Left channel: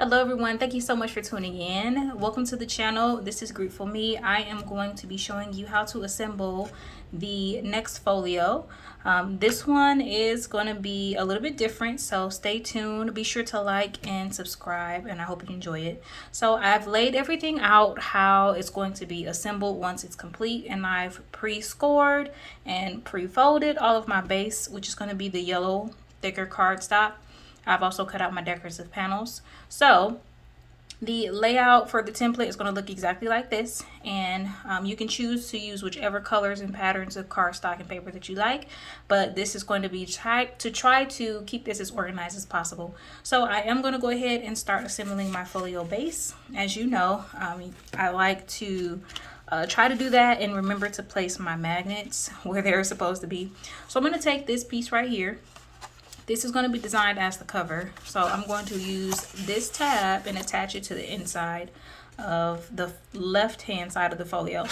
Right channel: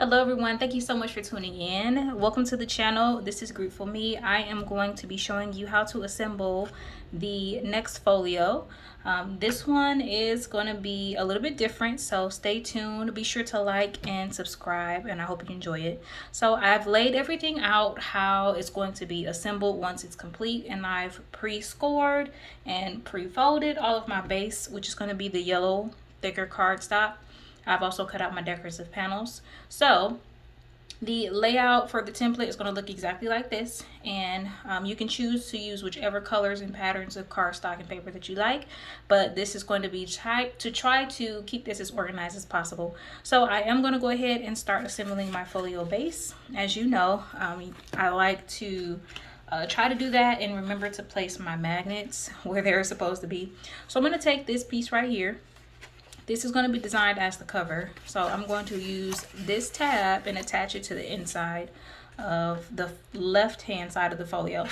Hello everyone, thank you so much for tuning in. Welcome to the channel. This is Grateful Me. I am going to be showing you how to assemble the next folio. This one is going to be a little bit different, so stay tuned. Be sure to like and subscribe, and I hope you enjoy it. So I've laid everything out how it's going to be assembled once it's complete, and I've pre-scored and pre-folded all of my base, which is going to be the yellow thicker cardstock. I've also cut out my decorative panels. So the layout for the template is going to look exactly like this, and you can choose to use whichever colors and patterns of cardstock and paper that you like, but this is going to be try to keep this as organized as possible. So I am going to go ahead and start assembling my folio base. As you know, I like to try to do that and remember to place my magnets where they're supposed to be. So I'm going to take this piece right here. This is going to be designed as the cover, so I'm going to use this tab and attach it to the inside of the left hand side of the folio.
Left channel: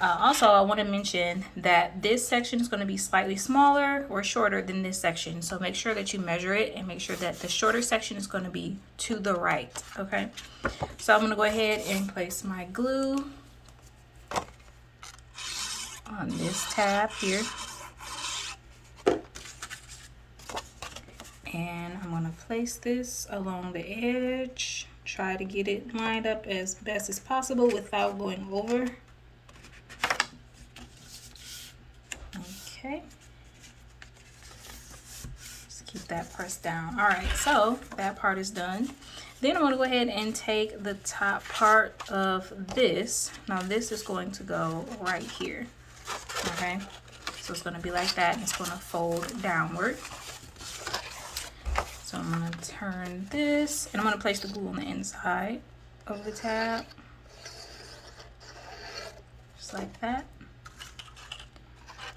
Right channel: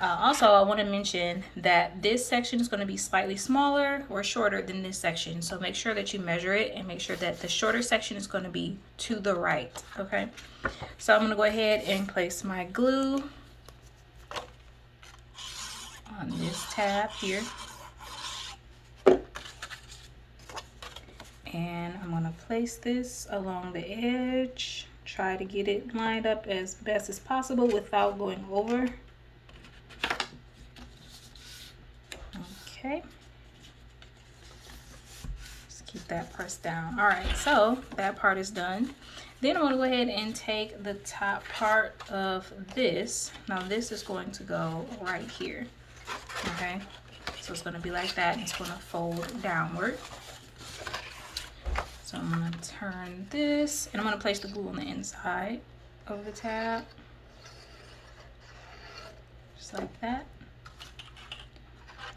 Also, I want to mention that this section is going to be slightly smaller or shorter than this section, so make sure that you measure it and make sure that the shorter section is going to be to the right. Okay, so I'm going to go ahead and place my glue on this tab here. And I'm going to place this along the edge, try to get it lined up as best as possible without going over. Okay, let's keep that pressed down. All right, so that part is done. Then I'm going to go ahead and take the top part of this. Now this is going to go right here. Okay, so it's going to be like that, and it's going to fold downward. So I'm going to turn this, and I'm going to place the glue on the inside of the tab, just like that.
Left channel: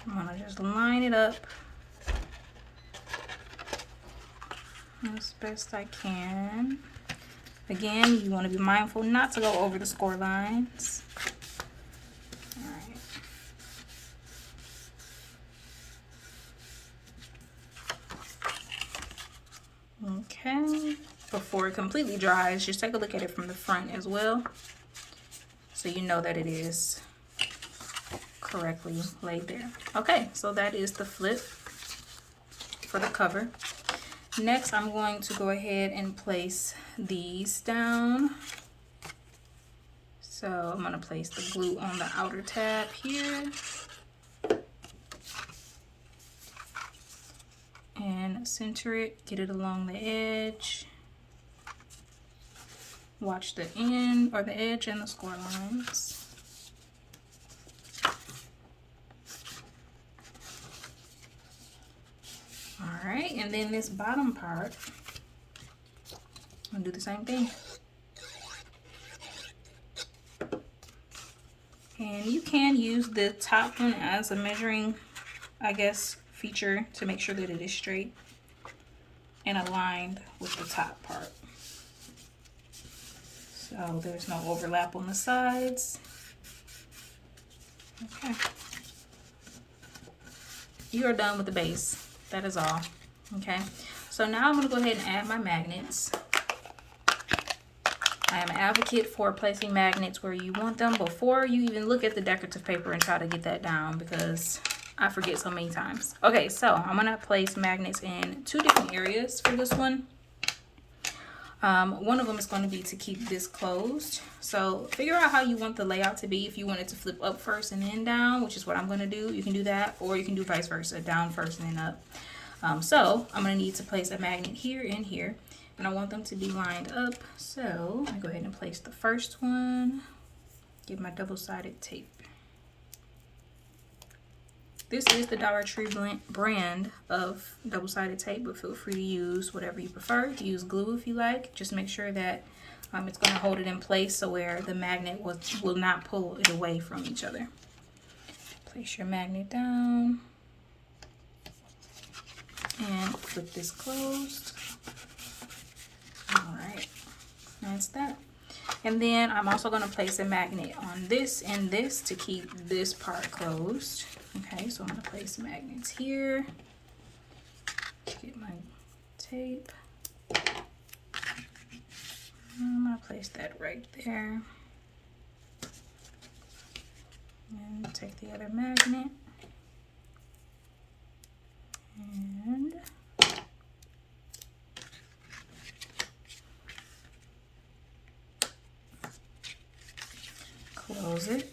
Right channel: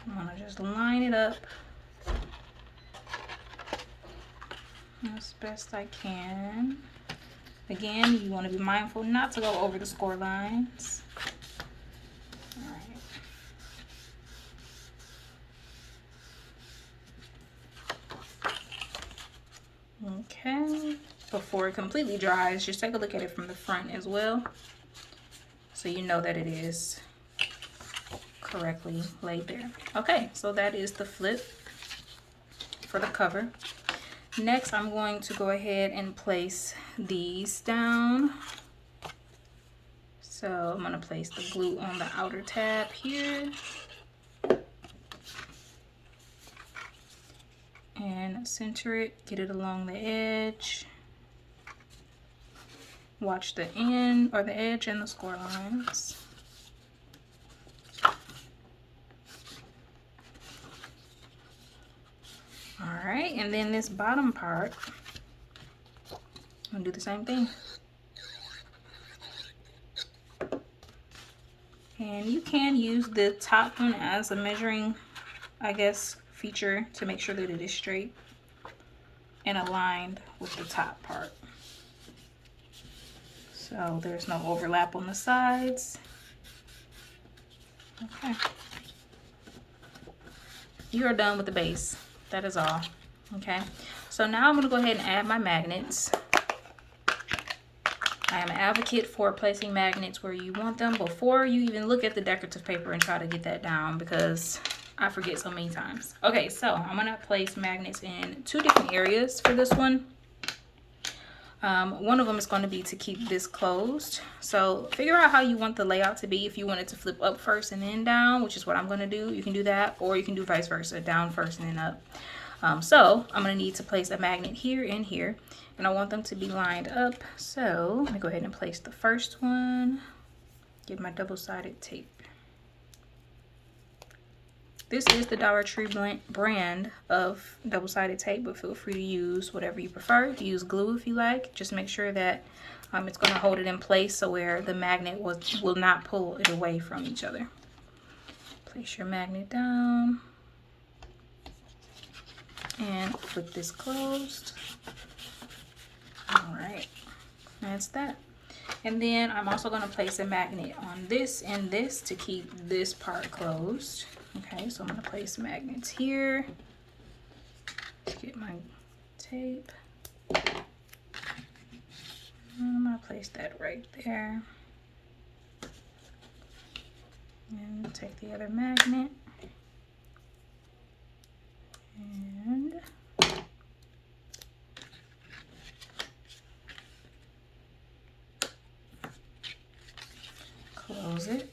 I'm going to just line it up as best I can. Again, you want to be mindful not to go over the score lines. All right. Okay, before it completely dries, just take a look at it from the front as well, so you know that it is correctly laid there. Okay, so that is the flip for the cover. Next, I'm going to go ahead and place these down. So I'm going to place the glue on the outer tab here. And center it, get it along the edge. Watch the end or the edge and the score lines. All right, and then this bottom part, I'm gonna do the same thing. And you can use the top one as a measuring, I guess, feature to make sure that it is straight and aligned with the top part, so there's no overlap on the sides. Okay, you are done with the base. That is all. Okay, so now I'm going to go ahead and add my magnets. I am an advocate for placing magnets where you want them before you even look at the decorative paper and try to get that down, because I forget so many times. Okay, so I'm going to place magnets in two different areas for this one. One of them is going to be to keep this closed. So figure out how you want the layout to be. If you want it to flip up first and then down, which is what I'm going to do, you can do that, or you can do vice versa, down first and then up. So I'm going to need to place a magnet here and here, and I want them to be lined up. So let me go ahead and place the first one. Get my double-sided tape. This is the Dollar Tree brand of double-sided tape, but feel free to use whatever you prefer. You can use glue if you like. Just make sure that it's going to hold it in place so where the magnet will not pull it away from each other. Place your magnet down and flip this closed. All right, that's that. And then I'm also going to place a magnet on this and this to keep this part closed. Okay, so I'm going to place magnets here. Get my tape. place that right there. And take the other magnet and close it.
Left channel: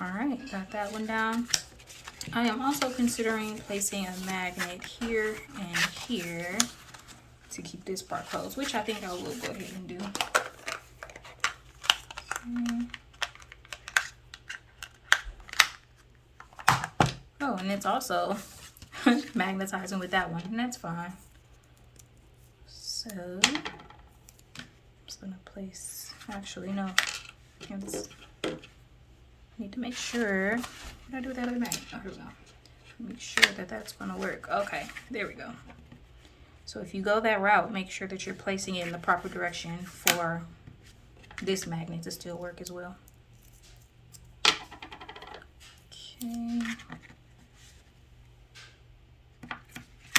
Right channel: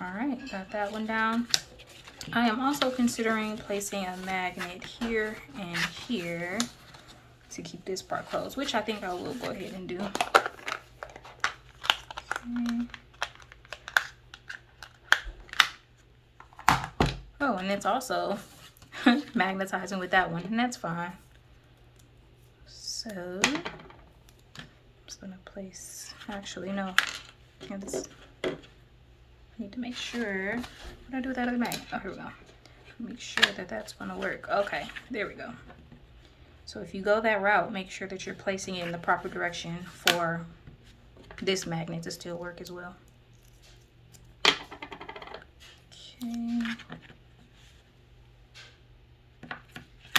All right, got that one down. I am also considering placing a magnet here and here to keep this part closed, which I think I will go ahead and do. Okay. Oh, and it's also magnetizing with that one, and that's fine. So I'm just gonna place, actually no, yeah, this, I need to make sure, what did I do with that other magnet? Oh, here we go. Make sure that that's gonna work. Okay, there we go. So if you go that route, make sure that you're placing it in the proper direction for this magnet to still work as well. Okay.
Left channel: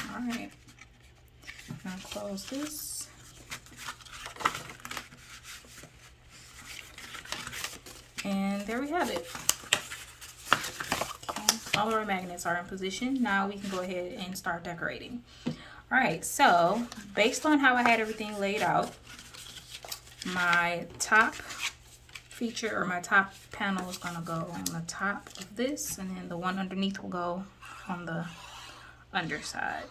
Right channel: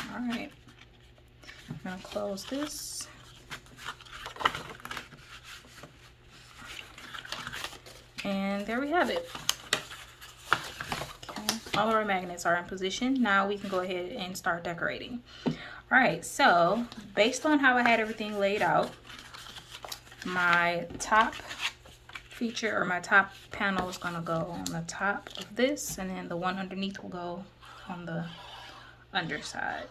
All right, I'm gonna close this. And there we have it. Okay, all of our magnets are in position. Now we can go ahead and start decorating. All right, so based on how I had everything laid out, my top feature or my top panel is gonna go on the top of this, and then the one underneath will go on the underside.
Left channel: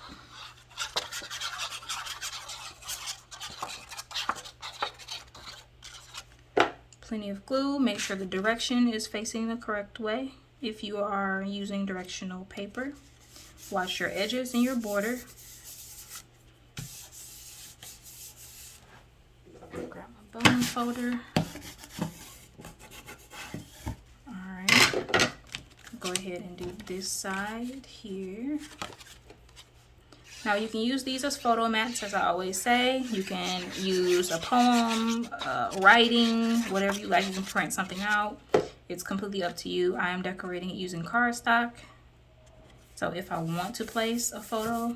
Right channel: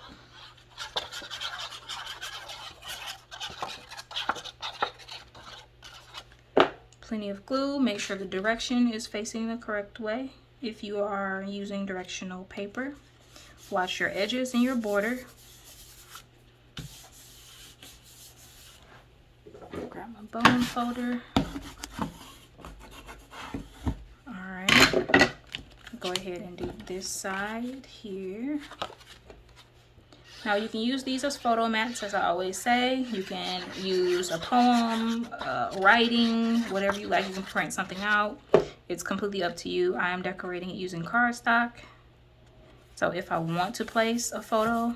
Plenty of glue. Make sure the direction is facing the correct way. If you are using directional paper, watch your edges and your border. Grab my bone folder. All right, go ahead and do this side here. Now you can use these as photo mats, as I always say. You can use a poem, writing, whatever you like. You can print something out. It's completely up to you. I am decorating it using cardstock. So if I want to place a photo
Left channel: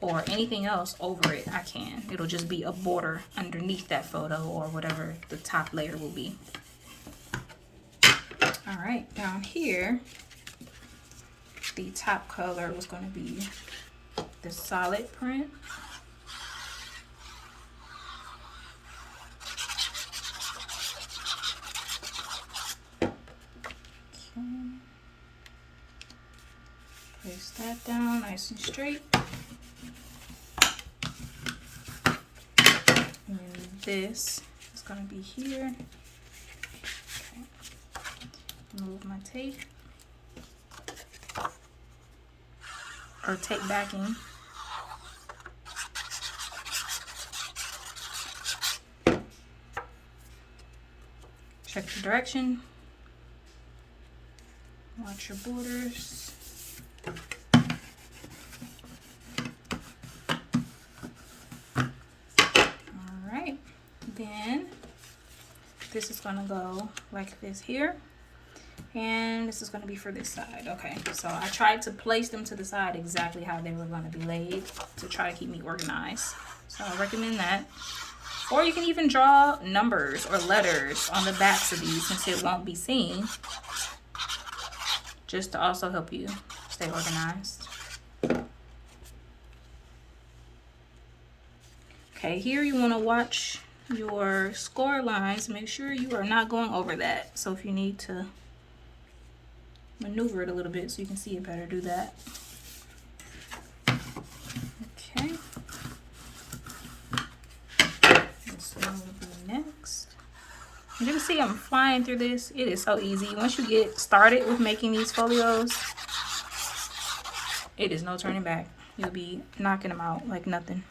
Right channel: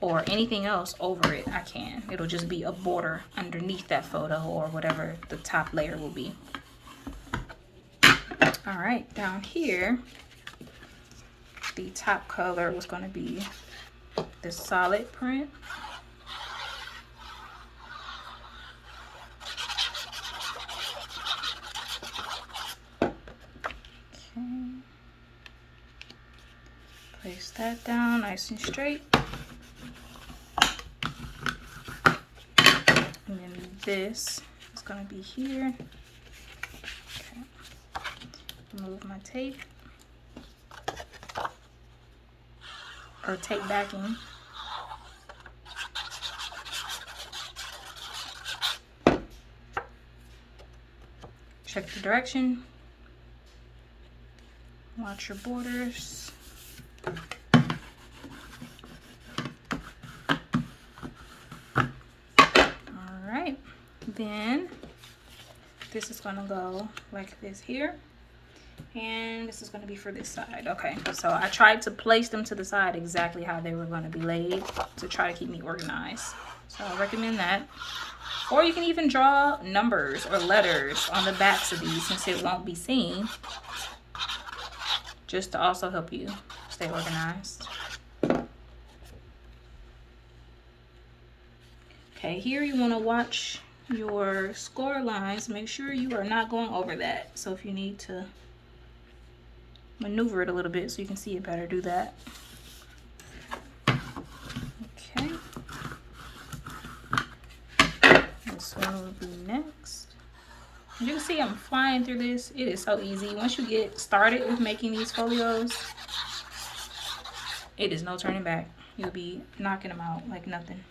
or anything else over it, I can. It'll just be a border underneath that photo or whatever the top layer will be. All right, down here, the top color was going to be the solid print. Okay. Place that down nice and straight. And then this is going to be here. Okay. Remove my tape. Or tape backing. Check the direction. Watch your borders. Alright, then this is gonna go like this here. And this is going to be for this side. Okay, so I tried to place them to the side exactly how they were going to be laid to try to keep me organized. So I recommend that. Or you can even draw numbers or letters on the backs of these since it won't be seen, just to also help you stay organized. Okay, here you want to watch your score lines. Make sure you are not going over that. So if you need to maneuver it a little bit so you can see it better, do that. Okay, this one will be next. You can see I'm flying through this. It is so easy. Once you get started with making these folios, it is no turning back. You'll be knocking them out like nothing.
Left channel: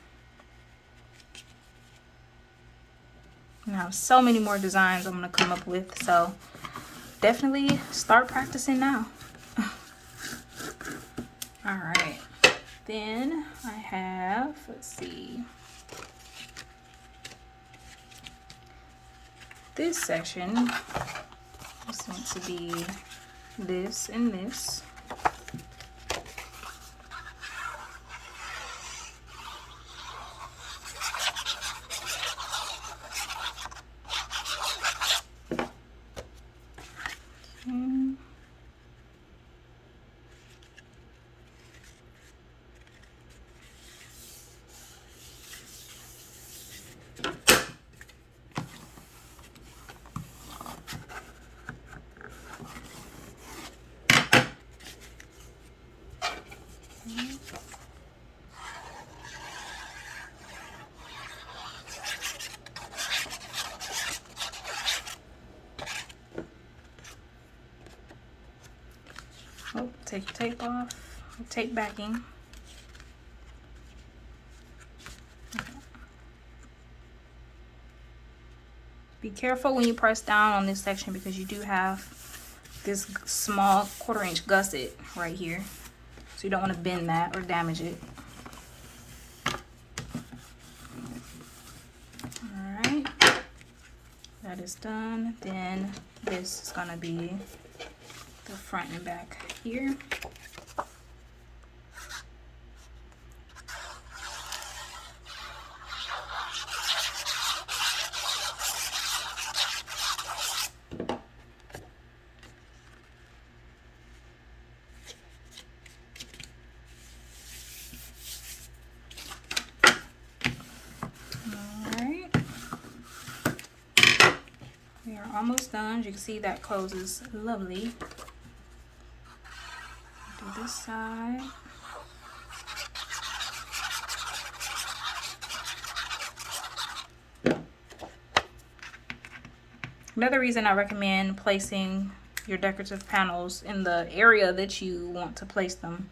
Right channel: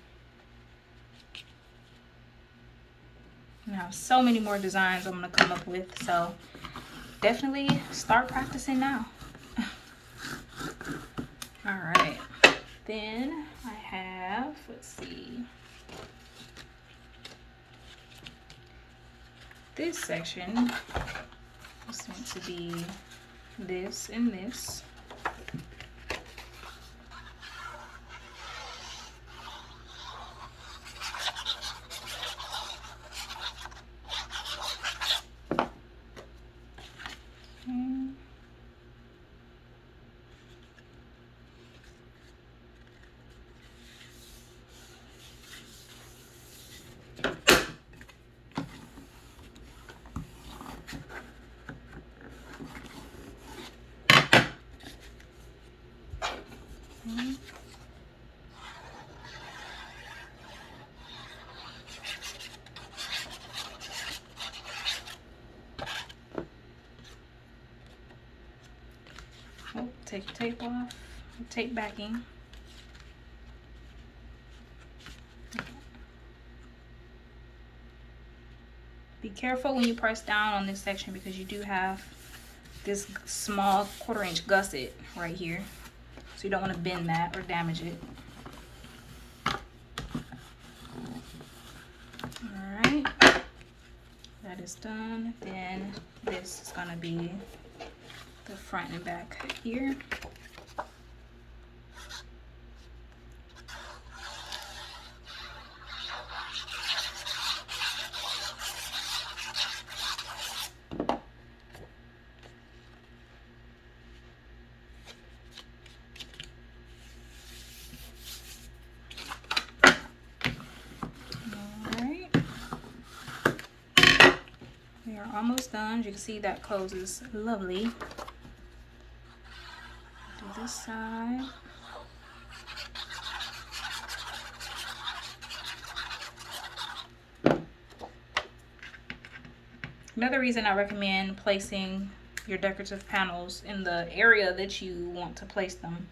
I have so many more designs I'm going to come up with, so definitely start practicing now. All right, then I have, let's see, this section is going to be this and this. take your tape off, tape backing. Be careful when you press down on this section because you do have this small 1/4 inch gusset right here. So you don't want to bend that or damage it. Alright, that is done. Then this is going to be the front and back here. We are almost done. You can see that closes lovely. Do this side. Another reason I recommend placing your decorative panels in the area that you want to place them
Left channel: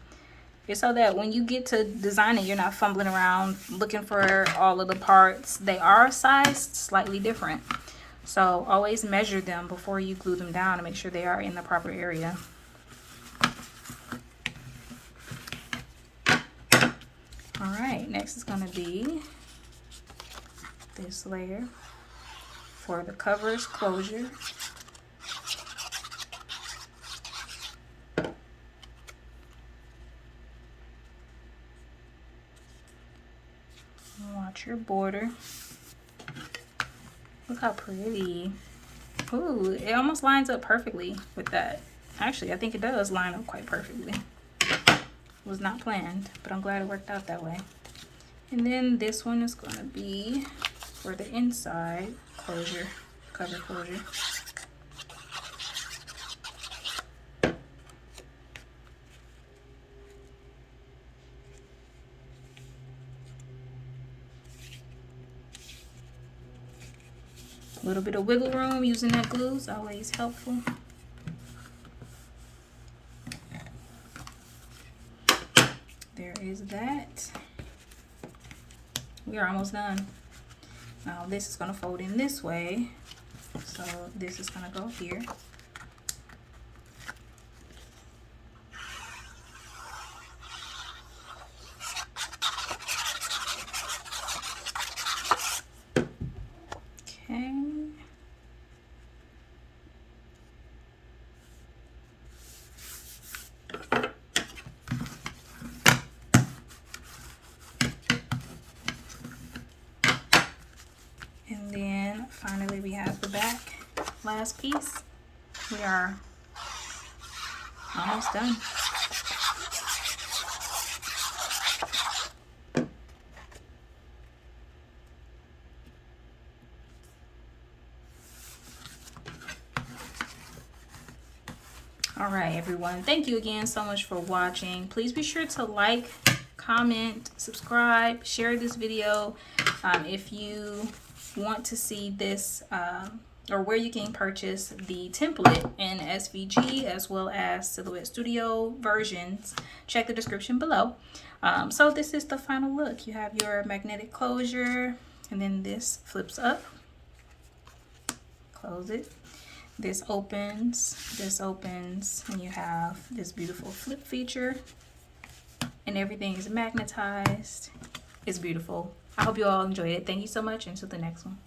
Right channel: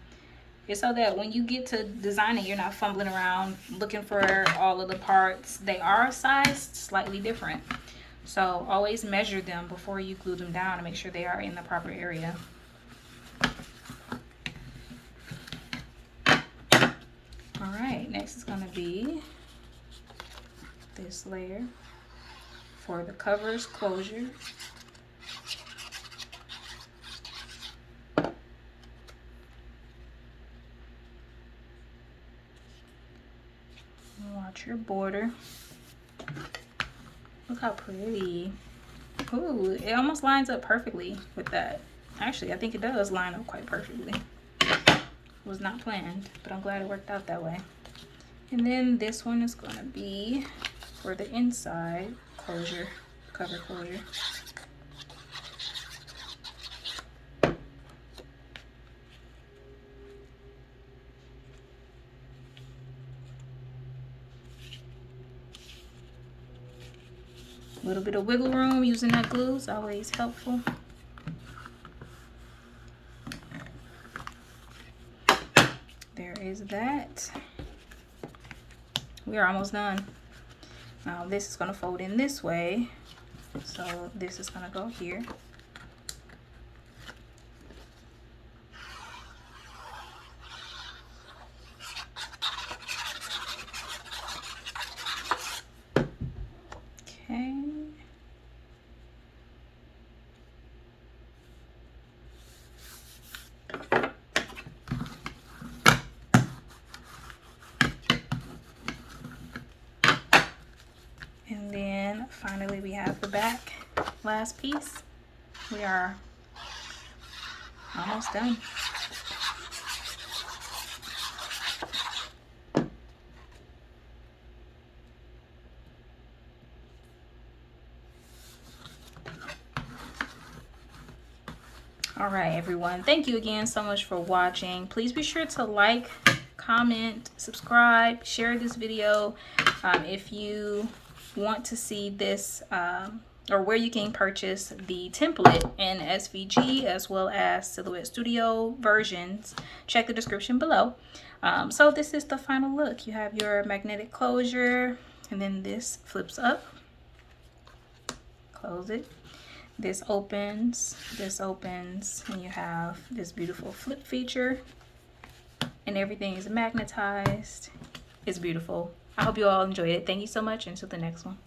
is so that when you get to designing, you're not fumbling around looking for all of the parts. They are sized slightly different. So always measure them before you glue them down to make sure they are in the proper area. Alright, next is going to be this layer for the cover's closure. Watch your border. Look how pretty. Ooh, it almost lines up perfectly with that. Actually, I think it does line up quite perfectly. It was not planned, but I'm glad it worked out that way. And then this one is going to be for the inside closure, cover closure. A little bit of wiggle room using that glue is always helpful. There is that. We are almost done. Now this is going to fold in this way. So this is going to go here. And then finally we have the back last piece. We are almost done. All right, everyone. Thank you again so much for watching. Please be sure to like, comment, subscribe, share this video. If you want to see this or where you can purchase the template in SVG as well as Silhouette Studio versions, check the description below. So this is the final look. You have your magnetic closure, and then this flips up. Close it. This opens, and you have this beautiful flip feature, and everything is magnetized. It's beautiful. I hope you all enjoyed it. Thank you so much. Until the next one.